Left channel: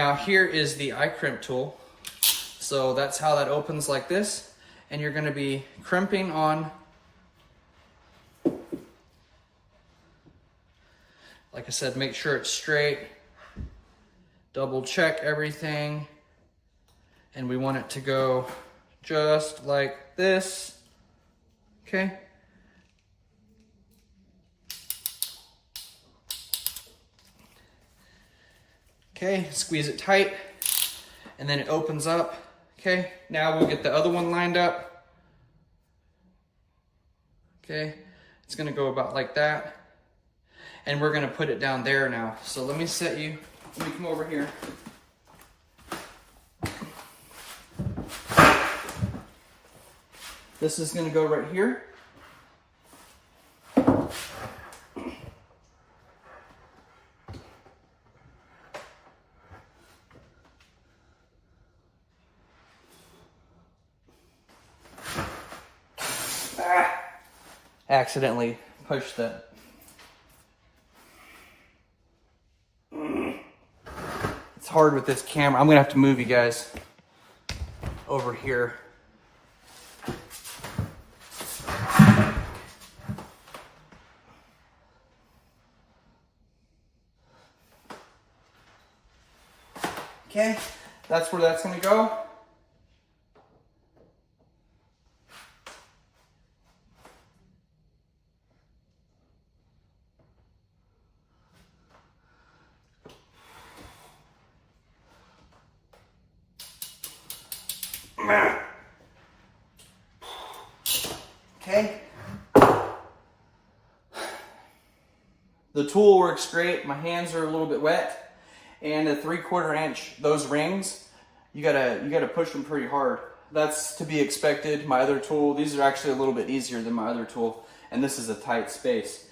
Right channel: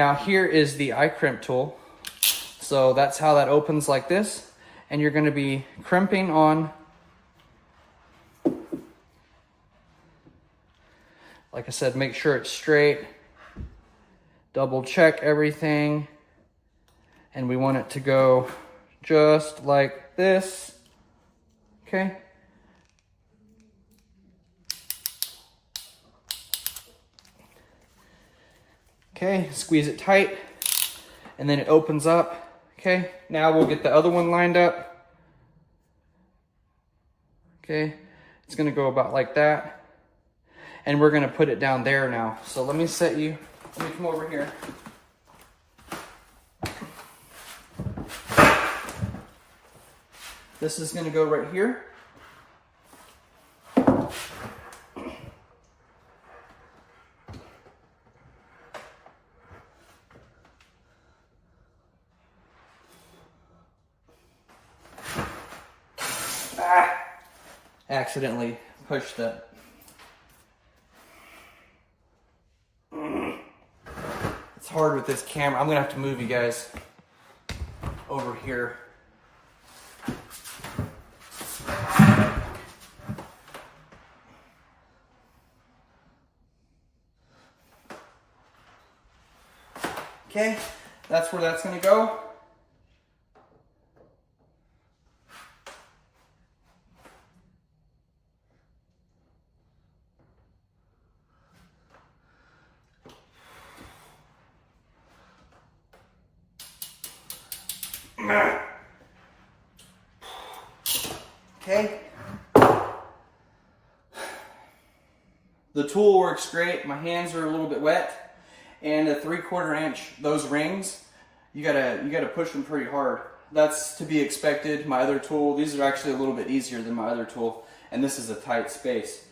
Now here is the eye crimp tool. So that's how that opens like this. And you're gonna be crimping on, like I said, make sure it's straight. Double check everything. And we want it to go just like this, okay? Okay, squeeze it tight, and then it opens up, okay? Now we'll get the other one lined up. Okay, it's gonna go about like that. And we're gonna put it down there now. So let me come over here. This is gonna go right here. Accidentally pushed that. It's hard with this camera. I'm gonna have to move you guys over here. Okay, that's where that's gonna go. Okay. The tool works great. My hands are a little bit wet. And a 3/4 inch, those rings, you gotta push them pretty hard. That's to be expected. My other tool, these are actually a little bit easier than my other tool, and this is a tight space.